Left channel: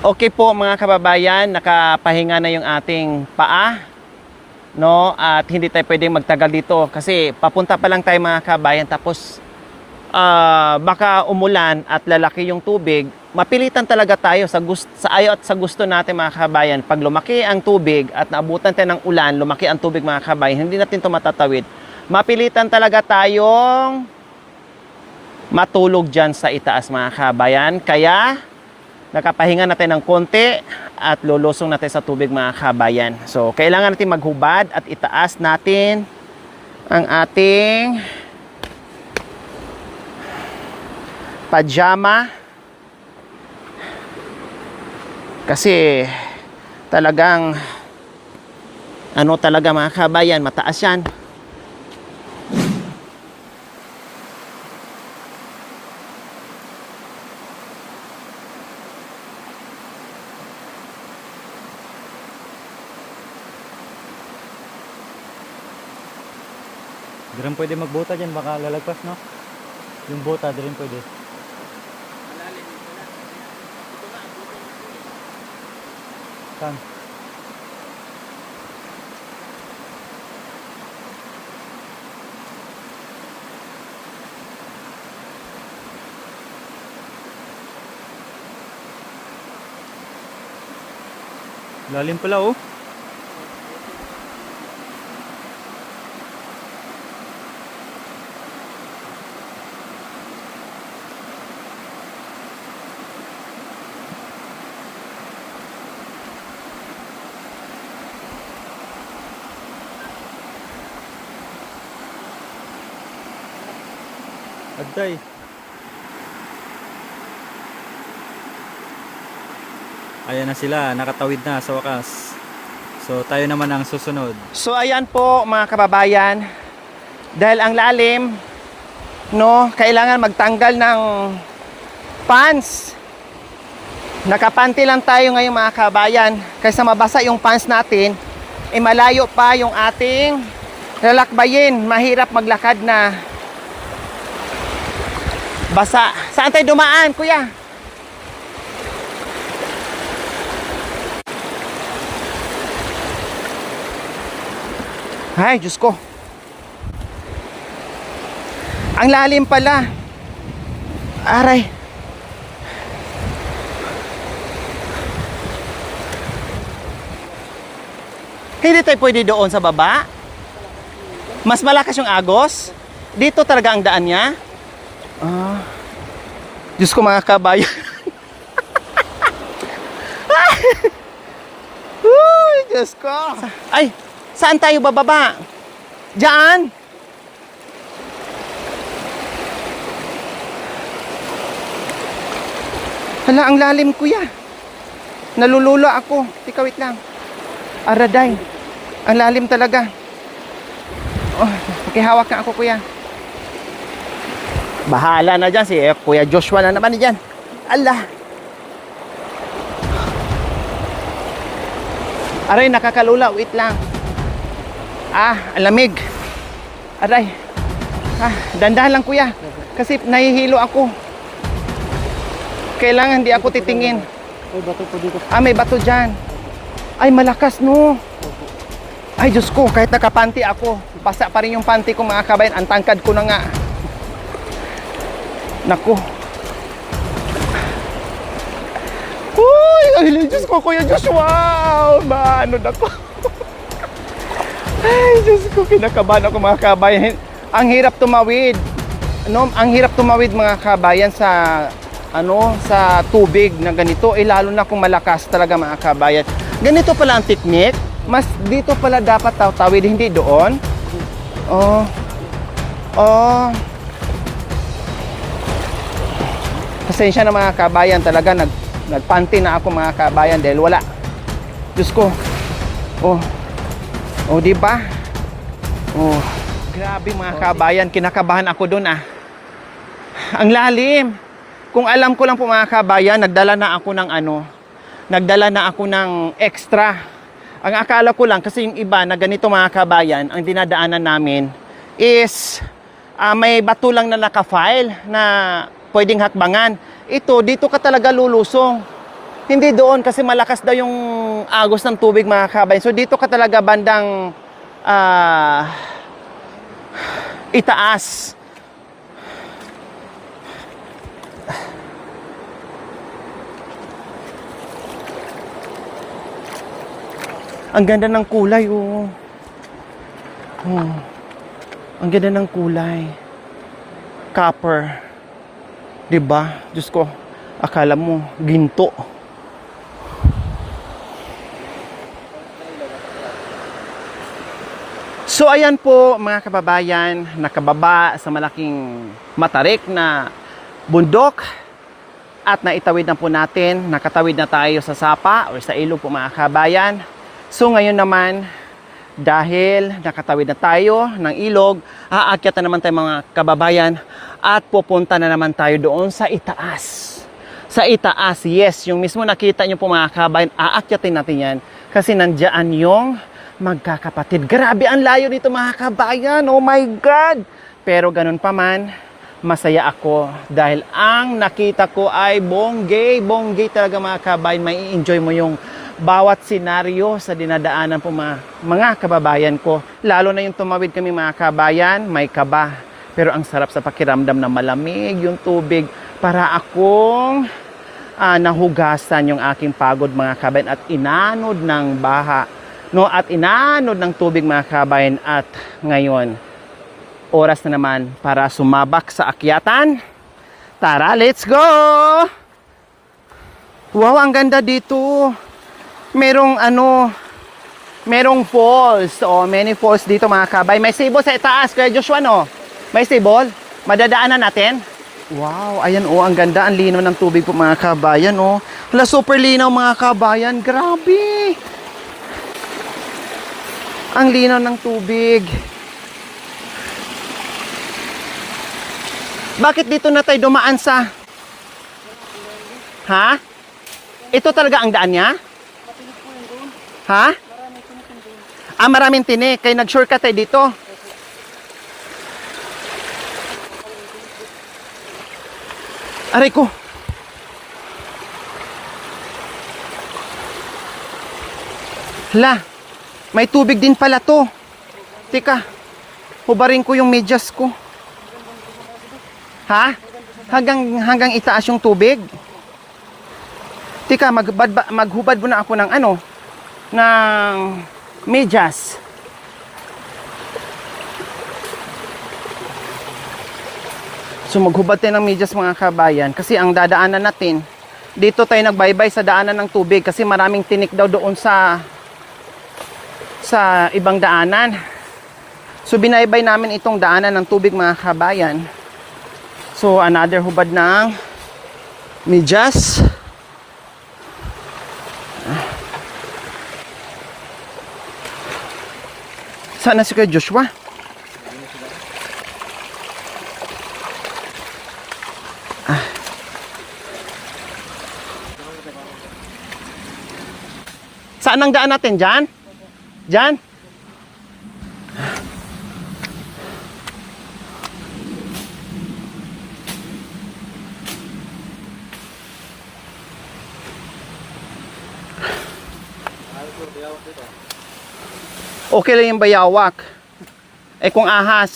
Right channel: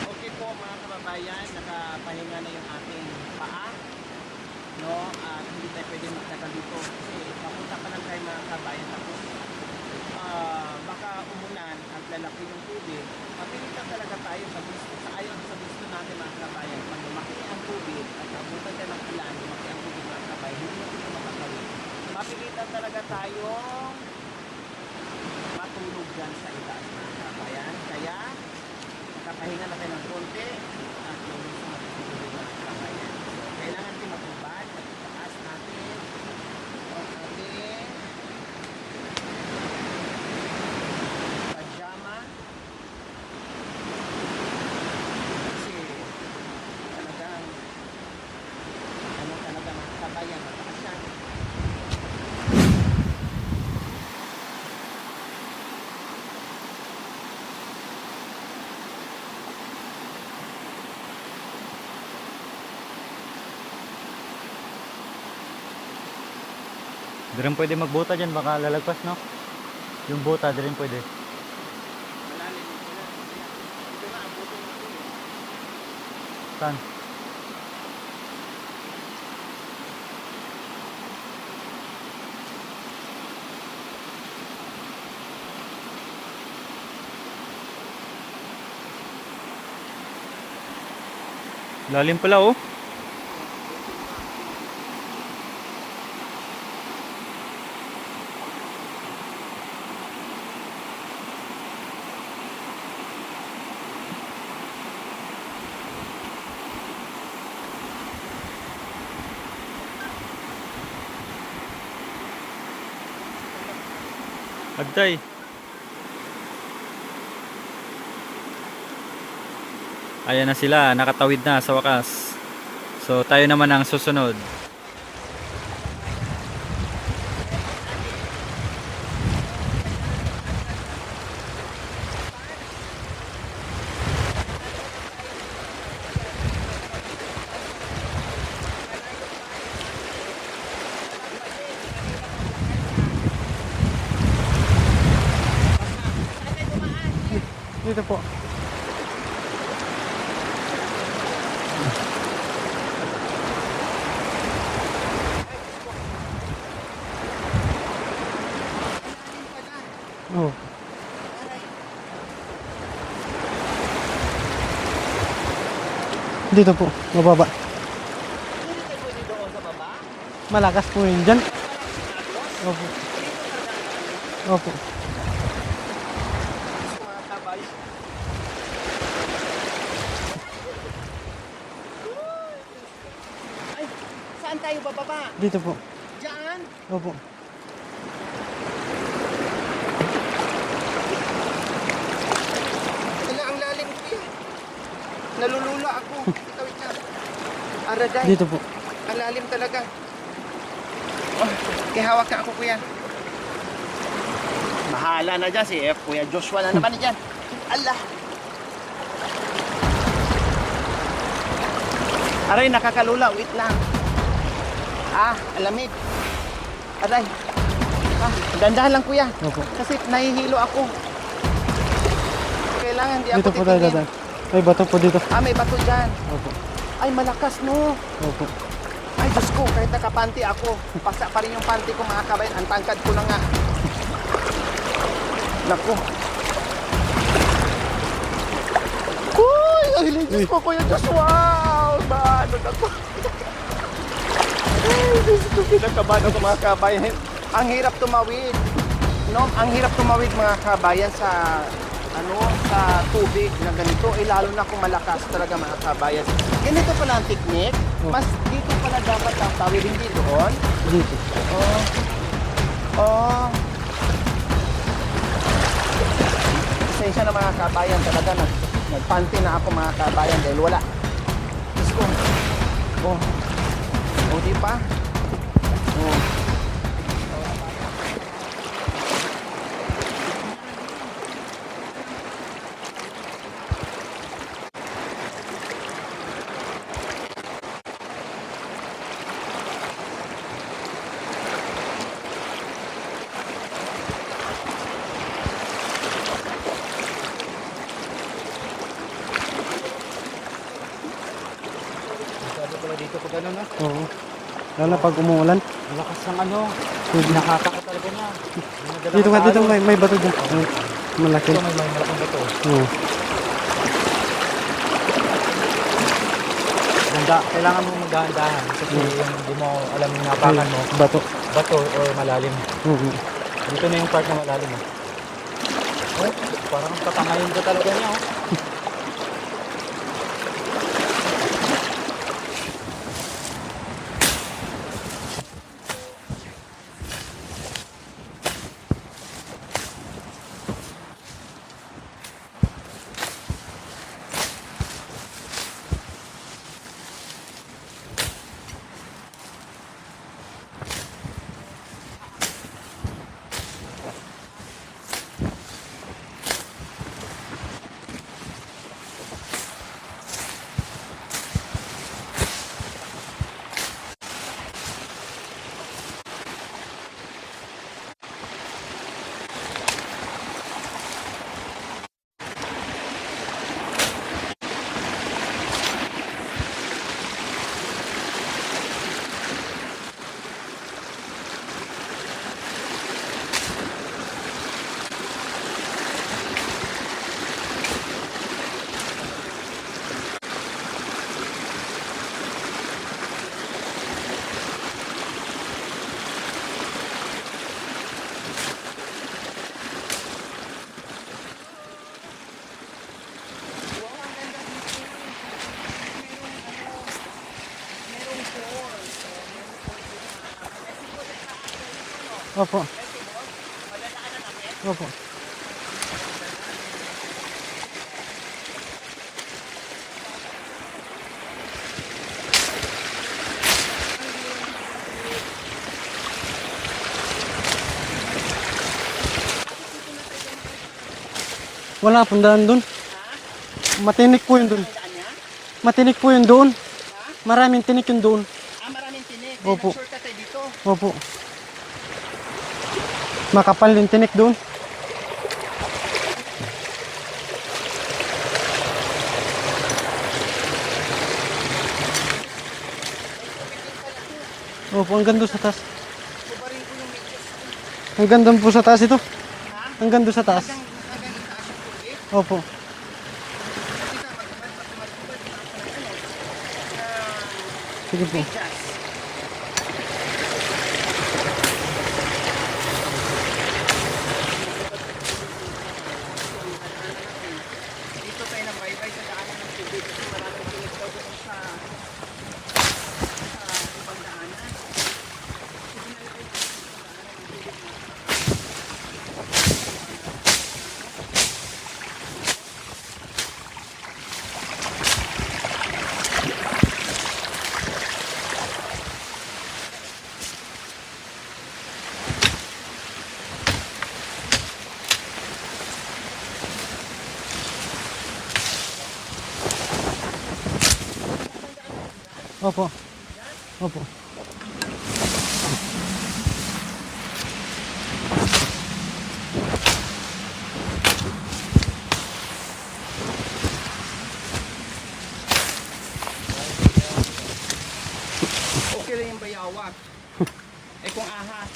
Okay po mga kababayan, nakapahinga na yung ating paa, no? At hindi tayo pwedeng magtagal dito kasi papunta pa lang tayo mga kababayan, tapos baka umulan at lalaki yung tubig. Mapilitan talaga tayo sa ayaw at sa gusto natin mga kababayan. Pag lumaki ang tubig at naabutan tayo ng ulan, lumaki ang tubig mga kababayan, hindi natin ito matatawid. Mapilitan talaga tayong matulog dyan sa itaas mga kababayan. Kaya nakapahinga natin ng konti at lulusong natin sa tubig mga kabayan. So, kailangan natin maghubad at itaas natin ang ating pajama. Kasi talagang ano talaga mga kabayan, mataas yan. Di rin pwede magbota dyan, baka lalagpas, no? Yung bota, di rin pwede. Malalim dito na. Ito nga, abutin natin. Saan? Lalim pala, oh. Agtay. Ayan na sila, nakatawid na sa wakas. So tayo naman ang susunod. So ayan po mga kababayan, dahil ang lalim, no, kailangan magtanggal ng pants. Nakapanty lang tayo ngayon mga kababayan, kaysa mabasa yung pants natin, malayo pa yung ating lalakbayin. Mahirap maglakad na basa. Saan tayo dumaan, kuya? Dito po. Ay, Diyos ko. Ang lalim pala. Oh. Aray. Dito po, mababa. Hindi tayo pwede doon sa baba. Malakas po yun dyan. Mas malakas yung agos. Opo. Dito talaga ang daan niya. Opo. Diyos ko mga kabayan. Uy, Diyos ko. Ay, saan tayo bababa? Dito po. Diyan. Opo. Hala, ang lalim kuya. Nalululo ako. Tika, wait lang. Araday. Dito po. Ang lalim talaga. Oh, hawak na ako kuya. Bahala na dyan si Kuya Joshua na naman dyan. Allah. Aray, nakakalula. Wait lang. Ang lamig. Aray. Dandahan lang kuya. Kasi nahihilo ako. Kailangan hindi ako Dito po, titingin. May bato po dito. May bato dyan. Ay, malakas no. Opo. Ay, Diyos ko, kahit nakapanty ako, pasa pa rin yung panty ko mga kabayan. Ang tangkad ko na nga. Naku. Uy, ang Diyos ko, Kuya Joshua. Ano na ko. Ay, Diyos ko, kinakabahan ako mga kabayan. Ang hirap tumawid. No, ang hirap tumawid mga kabayan sa sa tubig na ganito. Lalo na kung malakas talaga mga kabayan. Ganito pala ang technique. Mas dito pala dapat tawid, hindi doon. Oh. Pasensya na mga kabayan, talaga nagpanty na ako mga kabayan dahil wala. Diyos ko. Di ba? Grabe mga kabayan, kinakabahan ako doon Ang lalim. Kung alam ko lang po mga kabayan, nagdala na ako ng extra. Ang akala ko lang, kasi yung iba na ganito mga kabayan, ang dinadaanan namin is may bato lang na naka-file na pwedeng hatbangan. Ito, dito ka talaga lulusong. Hindi doon kasi malakas daw yung agos ng tubig mga kabayan. So dito ka talaga bandang Lalo pag umuulan. Lakas ng ano. itaas. Dito nga, dito may bato dyan. Ay, malaki. May malaking bato. Oo. Ganda. Kailangan Ang ganda ng kulay. Oh. Hindi mo alam yung napakan mo. Bato. Bato. o Ang ganda ng malalim. kulay. Dito na yung part ng Copper. Diba? Diyos ko, akala mo, ginto. So ayan po mga kababayan, nakababa sa malaking matarik na bundok at naitawid na po natin, nakatawid na tayo sa sapa o sa ilog po mga kababayan. So ngayon naman, dahil nakatawid na tayo ng ilog, aakyat na naman tayo mga kababayan at pupunta na naman tayo doon sa itaas. Sa itaas, yes, yung mismo nakita nyo po mga kababayan, aakyatin natin yan kasi nandiyan yung magkakapatid. Grabe ang layo dito mga kabayan. Oh my God! Pero ganun pa man, masaya ako dahil ang nakita ko ay bonggay. Bonggay talaga mga kabayan. May enjoy mo yung bawat senaryo sa dinadaanan po mga kababayan ko. Lalo na yung tumawid kami mga kabayan, may kaba. Pero ang sarap sa pakiramdam na malamig yung tubig para akong nahugasan yung aking pagod mga kabayan at inanod ng baha. No, at inanod ng tubig mga kabayan at ngayon oras na naman para sumabak sa akyatan. Tara, let's go! Wow, ang ganda dito. Merong falls. Oh, many falls dito mga kabayan. May sibol sa itaas, Kuya Joshua, no? Opo. May sibol? Madadaanan natin? Opo. Wow, ayan oh, ang ganda, ang linaw ng tubig po mga kabayan, oh. Wala, super linaw mga kabayan. Grabe! Ang linaw ng tubig. Bakit dito na tayo dumaan sa... Wala pong daan doon. Ha? Matinik Ito po talaga ang yun doon. daan niya? Matinik po yun doon. Ha? Maraming tinik yun doon. Ah, maraming tinik. Kaya Opo. nag-shortcut tayo dito. Opo. Makapal din tinik doon. Aray ko. Hala, may tubig din pala to. Opo, ang ganda Teka. sa taas. Hubarin ko yung medyas ko. Ang ganda po sa taas ito. Ha? Ang ganda sa taas. Hanggang itaas yung tubig. Opo. Tika, maghubad muna ako ng ano, ng Sige po. medyas. So maghubad tayo ng medyas mga kabayan kasi ang dadaanan natin, dito tayo nagbaybay sa daanan ng tubig kasi maraming tinik daw doon sa ibang daanan. So binaybay namin itong daanan ng tubig mga kabayan. So another hubad ng medyas. Sana si Kuya Joshua? Saan ang daan natin? Diyan? Opo. Diyan? Opo. Okay lang yung bayawak. Eh kung ahas.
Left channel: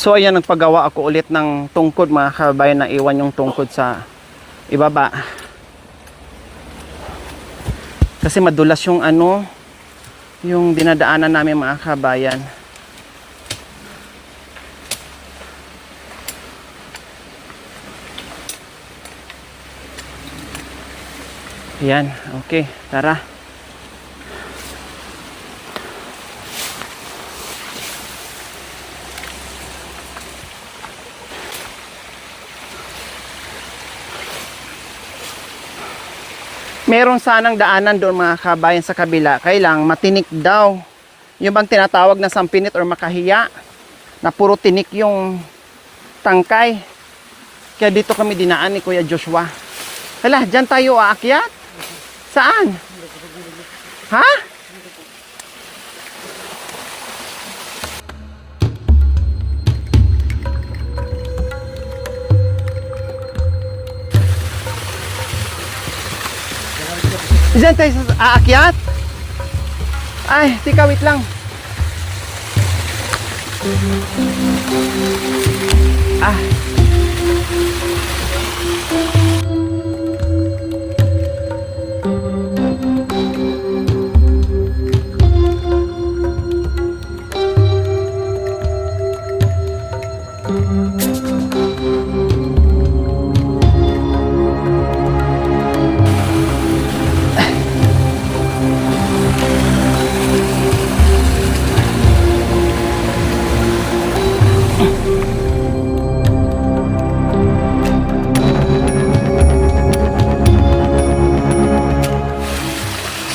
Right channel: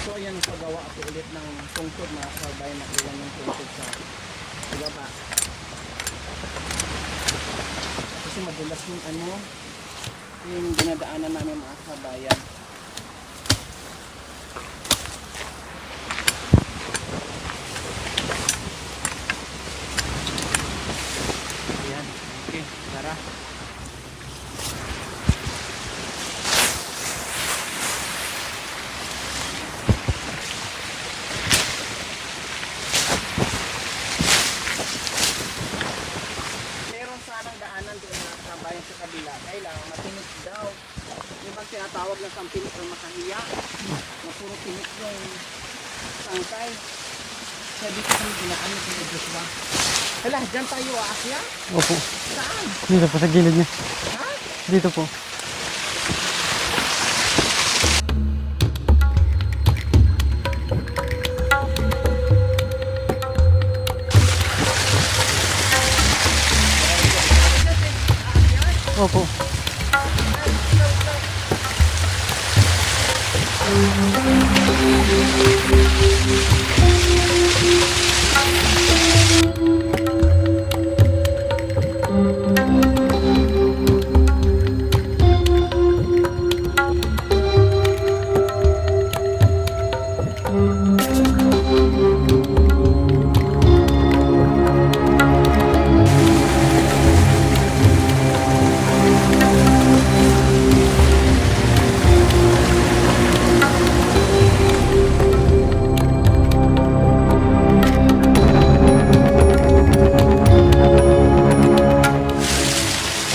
So ayan, nagpagawa ako ulit ng tungkod mga kabayan, na iwan yung tungkod sa ibaba. Kasi madulas yung ano, yung dinadaanan namin mga kabayan. Yan, okay, tara. Meron sanang daanan doon mga kabayan sa kabila. Kailang matinik daw. Yung bang tinatawag na sampinit or makahiya. Na puro tinik yung tangkay. Kaya dito kami dinaan ni Kuya Joshua. Hala, dyan tayo aakyat. Opo. Saan? Dito po, sa gilid niya. Ha? Dito po. Diyan tayo aakyat? Opo. Ay, tika, wait lang. Ah.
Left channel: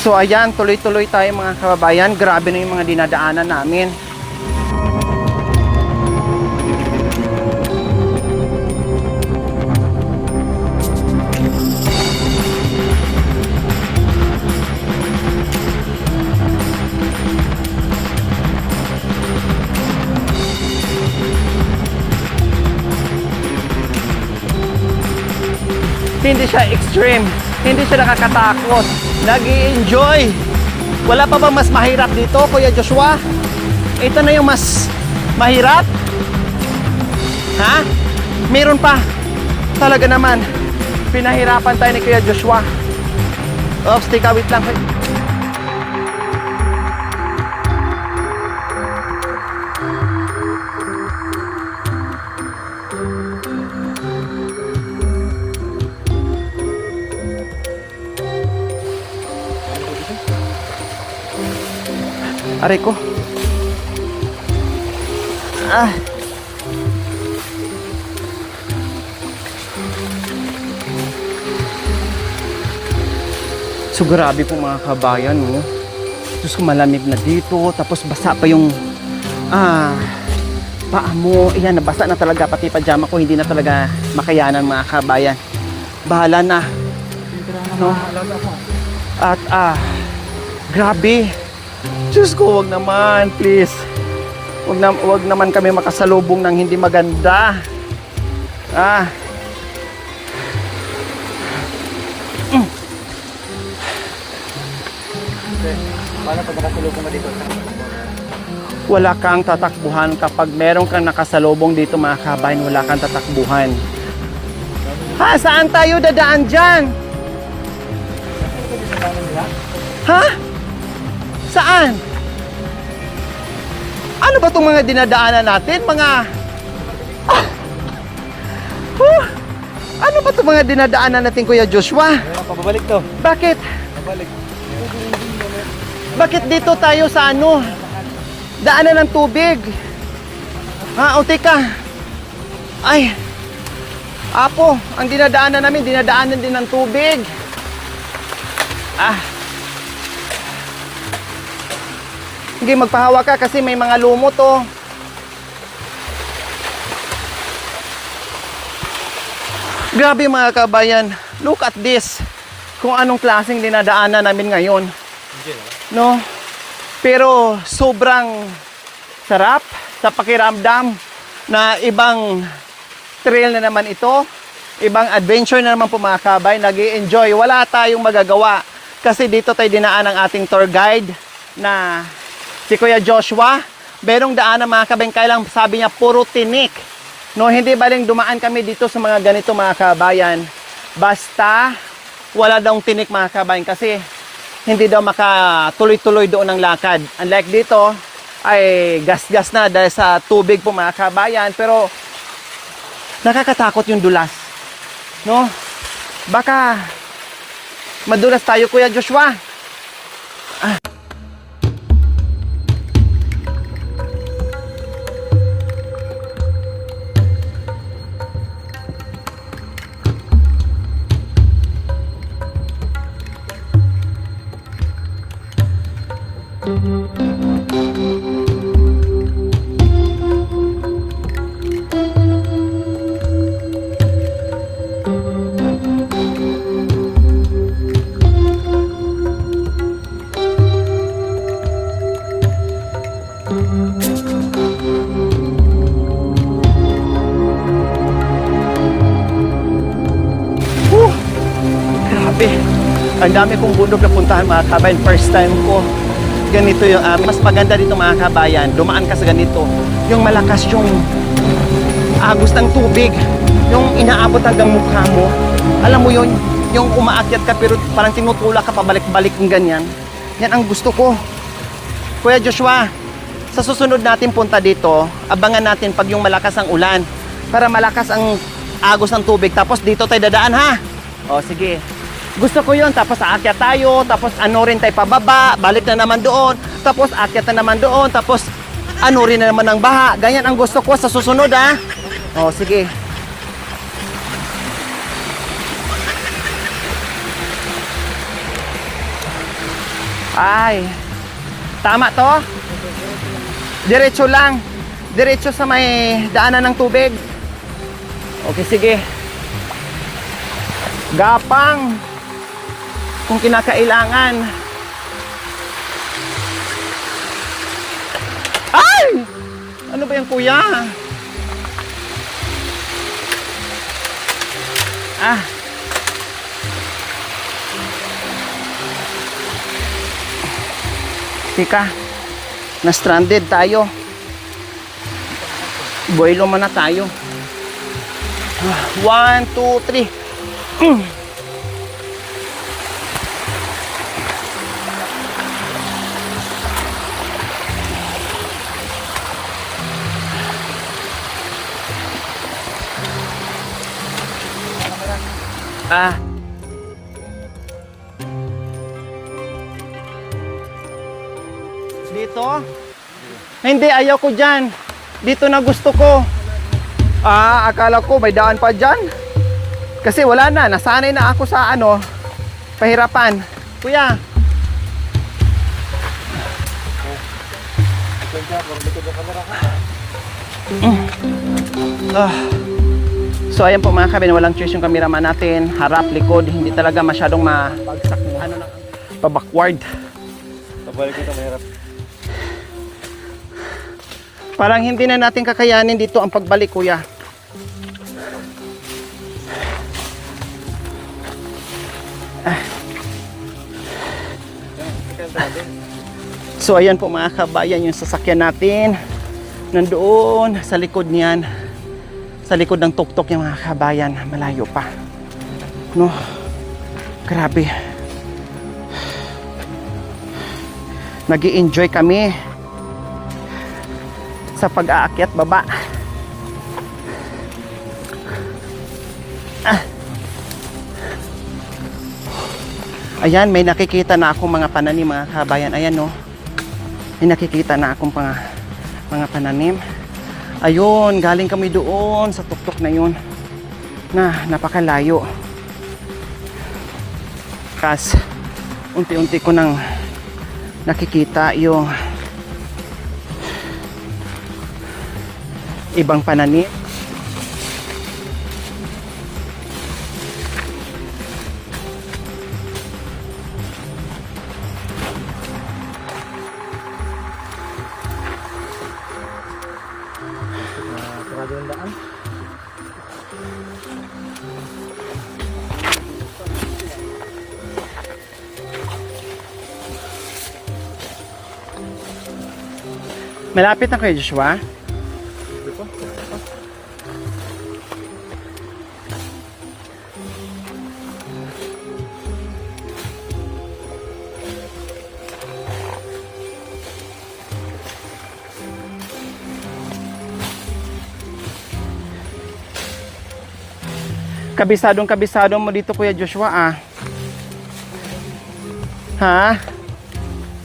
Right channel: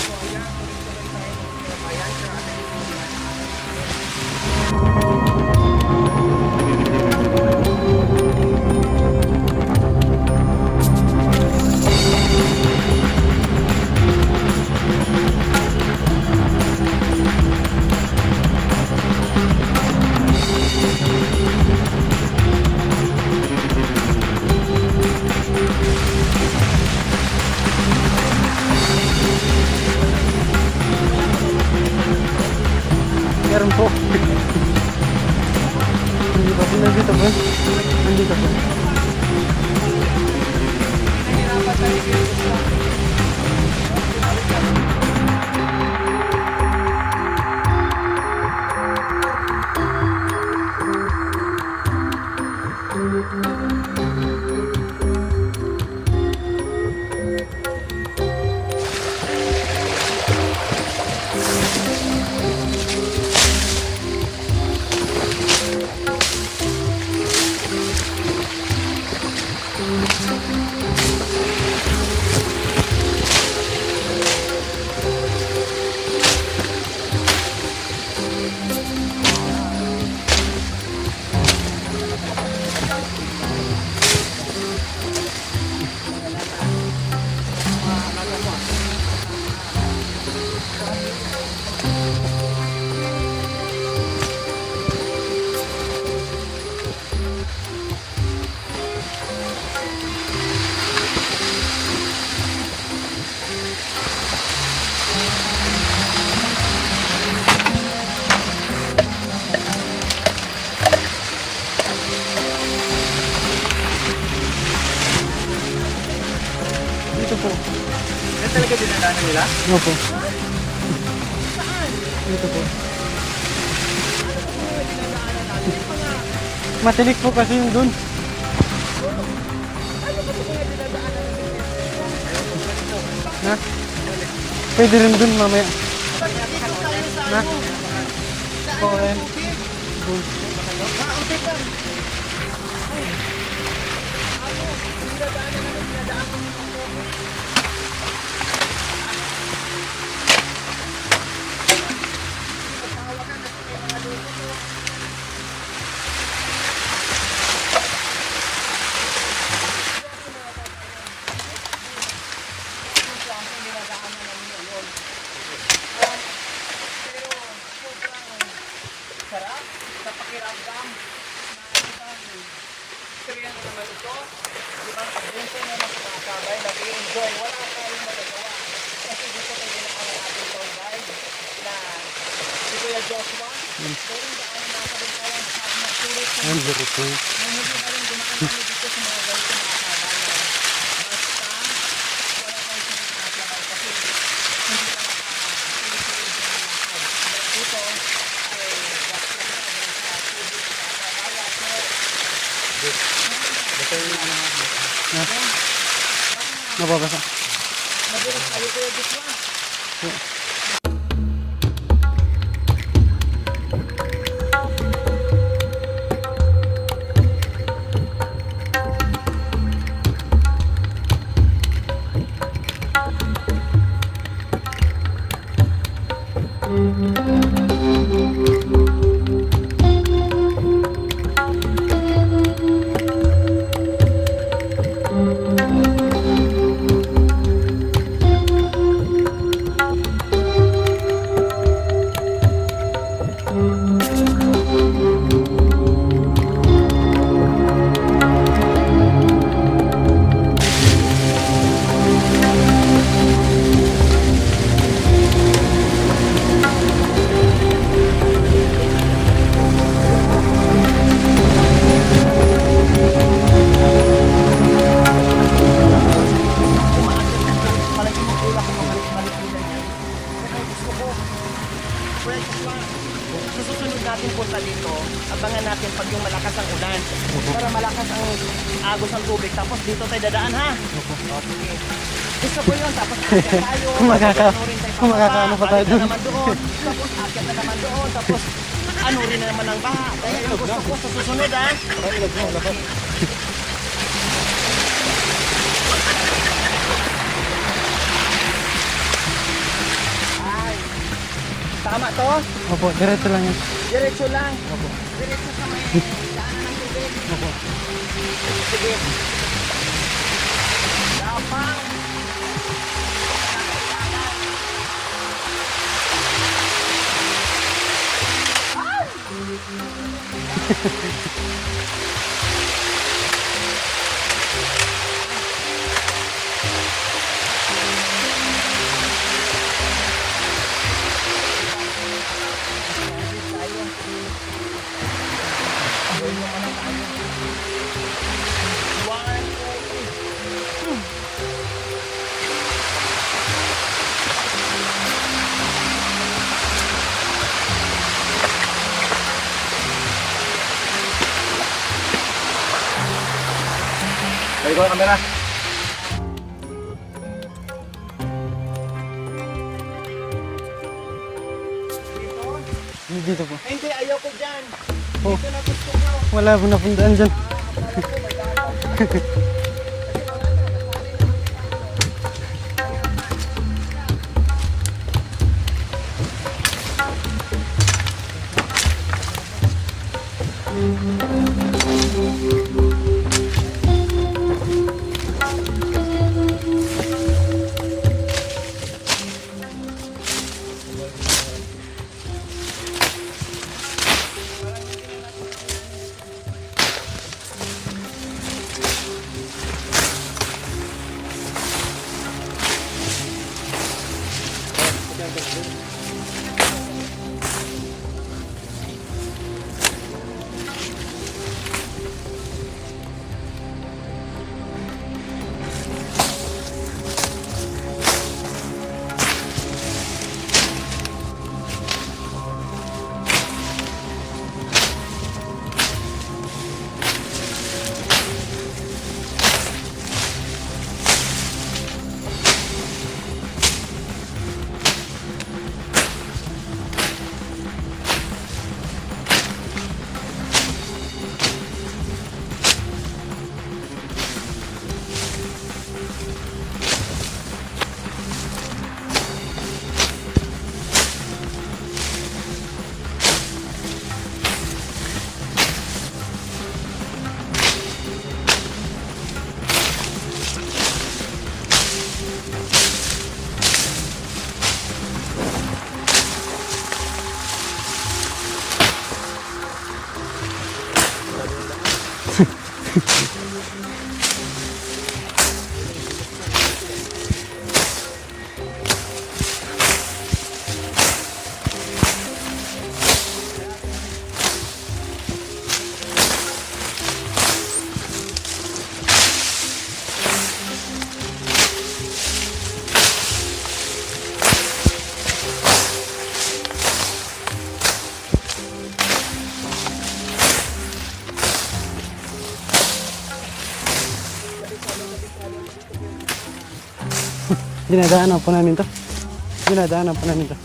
So ayan, tuloy-tuloy tayo mga kababayan. Grabe na yung mga dinadaanan namin. Hindi siya extreme. Hindi siya nakakatakot. Nag-i-enjoy. Wala pa bang mas mahirap dito, Kuya Joshua? Meron po. Ito na yung mas mahirap? Dito po. Ha? Meron pa. Talaga naman. Pinahirapan tayo ni Kuya Joshua. Oh, stick wait lang. Aray ko. Ah. So grabe po mga kabayan, no? Tapos malamig na dito, tapos basa pa yung paa mo. Yan, nabasa na talaga, pati pajama ko hindi na talaga makayanan mga kabayan. Bahala na. No? At grabe. Diyos ko, wag naman, please. Wag naman kami makasalubong ng hindi maganda. Wala kang tatakbuhan kapag meron kang nakasalubong dito mga kabayan, wala kang tatakbuhan. Saan tayo dadaan dyan? Dito po. Yan talaga dinadaanan nila? Opo. Ha? Saan? Ano ba itong mga dinadaanan natin? Mga... Matinik po kasi yung dun. Ano ba itong mga dinadaanan natin, Kuya Joshua? Ayun, pabalik to. Bakit? Pwede rin dun mamaya. Bakit dito tayo sa ano? Daanan ng tubig. O teka. Ay. Apo, ang dinadaanan namin, dinadaanan din ng tubig. Hindi, magpahawa ka kasi may mga lumot, oh. Grabe mga kabayan. Look at this. Kung anong klaseng dinadaanan namin ngayon. No? Pero sobrang sarap sa pakiramdam na ibang trail na naman ito. Ibang adventure na naman po mga kabay. Nag-i-enjoy. Wala tayong magagawa. Kasi dito tayo dinaan ng ating tour guide na si Kuya Joshua. Merong daan ng mga kabay. Kailang sabi niya puro tinik. No, hindi baling dumaan kami dito sa mga ganito mga kabayan. Basta wala daw tinik mga kabayan kasi hindi daw makatuloy-tuloy doon ng lakad. Unlike dito, ay gas-gas na dahil sa tubig po mga kabayan. Pero nakakatakot yung dulas. No? Baka Mababasa. madulas tayo, Kuya Joshua. Ang dami kong bundok na puntahan mga kabayan. First time ko. Ganito yung, mas maganda dito mga kabayan. Dumaan ka sa ganito. Yung malakas yung agos ng tubig. Yung inaabot hanggang mukha mo. Alam mo yun, yung umaakyat ka pero parang tinutulak ka pabalik-balik ng ganyan. Yan ang gusto ko. Kuya Joshua, sa susunod natin punta dito, abangan natin pag yung malakas ang ulan. Para malakas ang agos ng tubig. Tapos dito tayo dadaan ha. O sige. Gusto ko yun. Tapos aakyat tayo. Tapos ano rin tayo pababa. Balik na naman doon. Tapos aakyat na naman doon. Tapos ano rin na naman ng baha. Ganyan ang gusto ko sa susunod ha. O sige. Ay. Tama to? Opo, diretso lang yun. Diretso lang. Diretso sa may daanan ng tubig. Okay, sige. Gapang. Kung kinakailangan. Ay! Ano ba yan, kuya? Ah. Tika, na-stranded tayo. Buwelo muna tayo. 1, 2, 3. Balik ko ang camera. Ah. Dito? Dito po. Hindi, ayaw ko dyan. Dito na gusto ko. Wala po na puntaan dyan. Ah, akala ko may daan pa dyan. Kasi wala na, nasanay na ako sa ano, pahirapan. Kuya. Ah. So ayan po mga kabin, walang choice yung cameraman natin. Harap, likod, hindi talaga masyadong pa-backward. Balik ko ang camera. Parang hindi na natin kakayanin dito ang pagbalik, kuya. So ayan po mga kabayan, yung sasakyan natin nandoon sa likod niyan, sa likod ng tuktok yung mga kabayan, malayo pa, no? Grabe, nag-i-enjoy kami sa pag-aakyat baba. Ayan, may nakikita na akong mga pananim mga kabayan. Ayan, no? May nakikita na akong mga pananim. Ayun, galing kami doon sa tuktok na yun na napakalayo. Tapos unti-unti ko nang nakikita yung ibang pananim. Malapit na kayo, Joshua. Kabisado mo dito, Kuya Joshua, ah. Dinadaanan po namin to. Ha? Dinadaanan po namin to.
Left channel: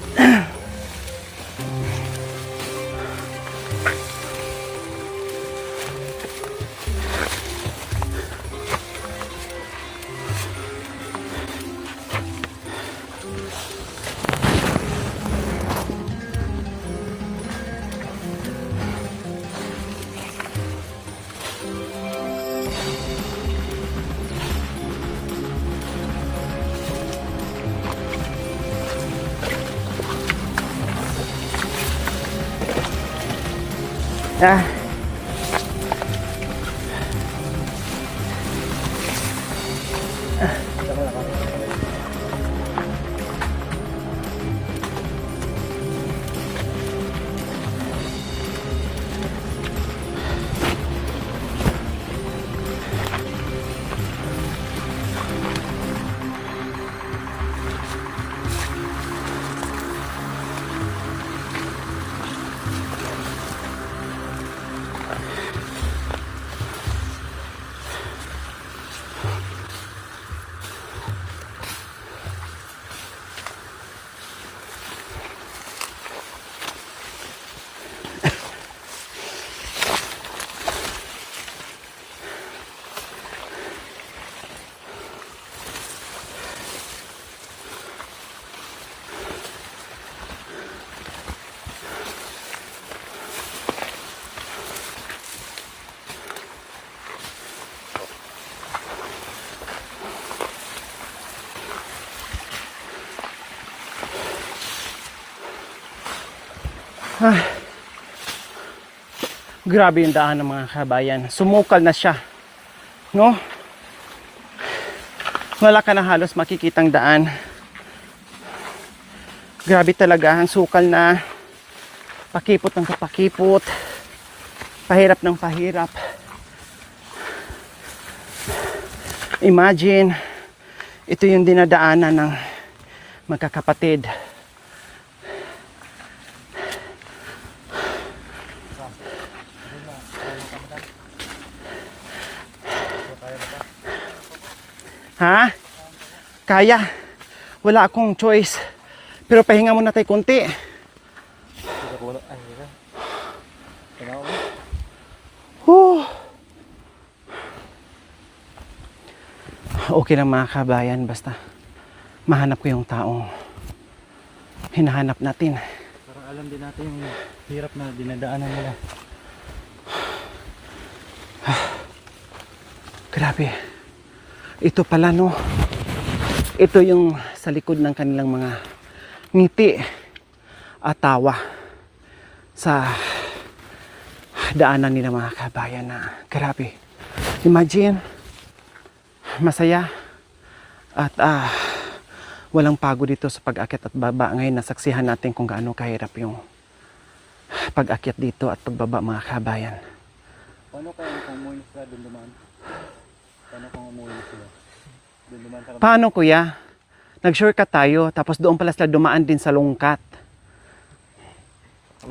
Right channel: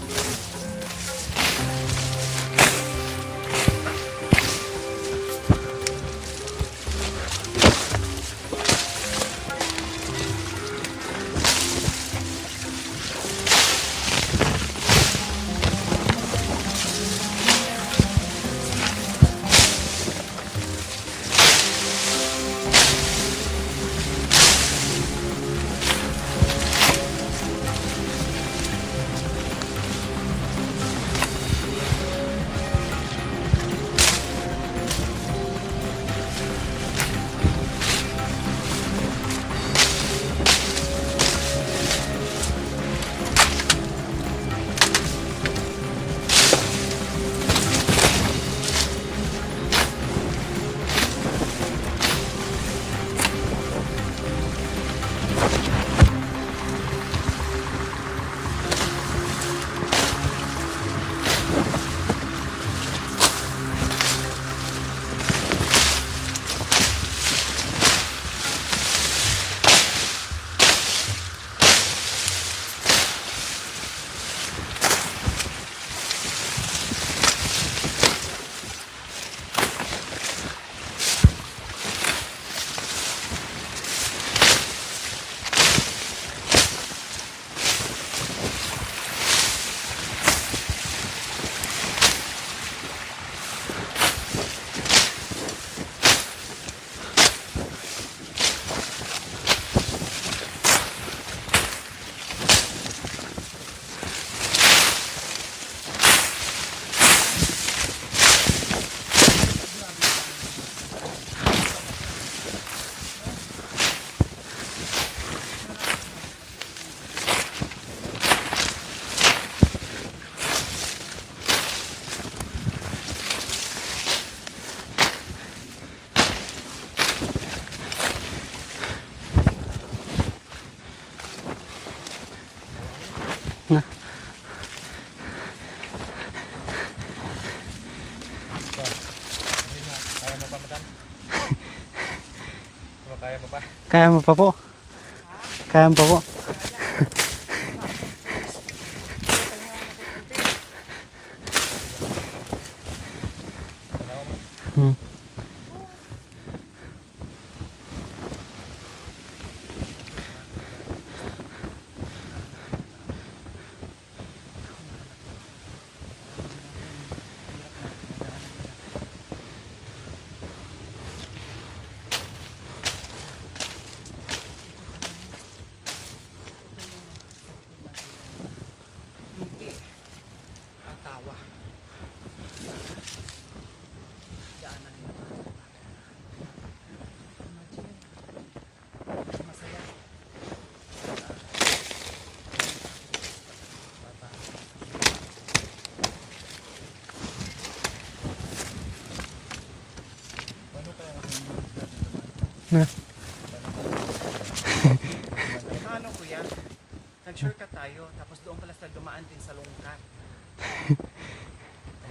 Ah. Grabe yung daan ng mga kabayan. Sumukal na siya. No? Wala ka na halos makikitang daan. Grabe talaga. Ang sukal na. Pakipot ng kapakipot. Pahirap ng pahirap. Imagine, ito yung dinadaanan ng magkakapatid. Kaya mo pa po. Ha? Kaya mo pa po. Kaya. Wala akong choice. Pero pahinga muna tayo kunti. Whew. Okay na mga kabayan, basta mahanap ko yung taong hinahanap natin. Para alam din natin yung hirap na dinadaanan nila. Grabe. Ito pala no. Ito yung sa likod ng kanilang mga ngiti at tawa sa daanan nila mga kabayan na grabe. Imagine, masaya at walang pagod dito sa pag-akyat at baba. Ngayon nasaksihan natin kung gaano kahirap yung pag-akyat dito at pagbaba mga kabayan. Paano kaya isang munit ka din dumaan? Paano kuya? Nag-shortcut tayo tapos doon pala sila dumaan din sa lungkat.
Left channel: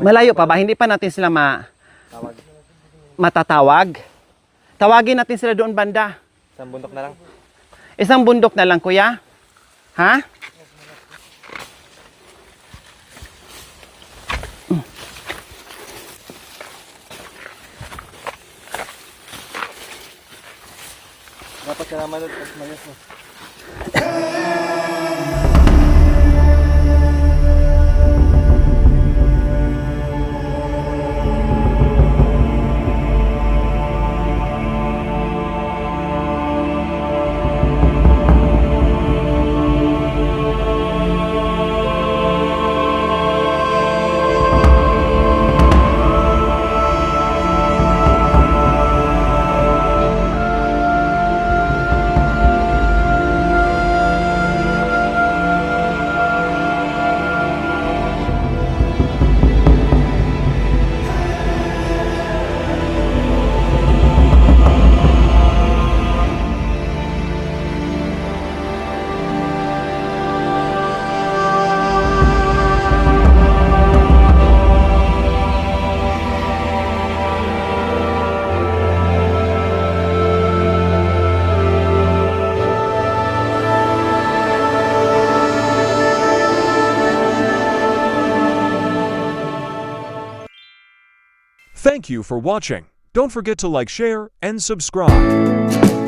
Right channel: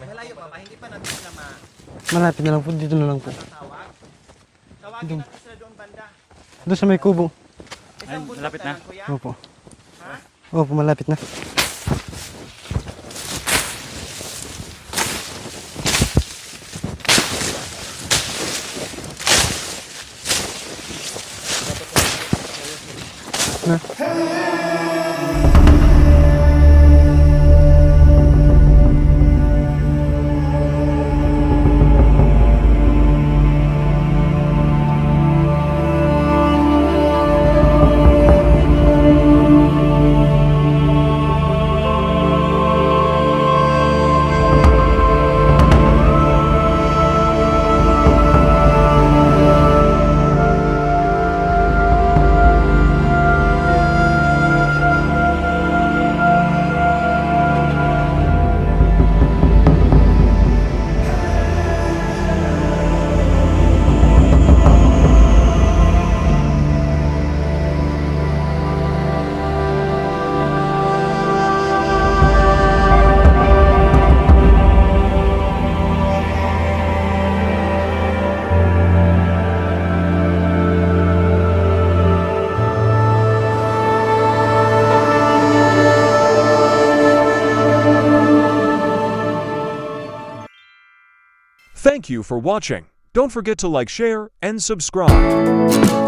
Malayo pa ba? Hindi pa natin sila Malapit na lang po. Dito na lang po. matatawag? Tawagin natin sila doon banda. Doon sa may kubo. Isang bundok na lang kuya? Opo. Ha? Opo, malapit na. Thank you for watching. Don't forget to like, share, and subscribe.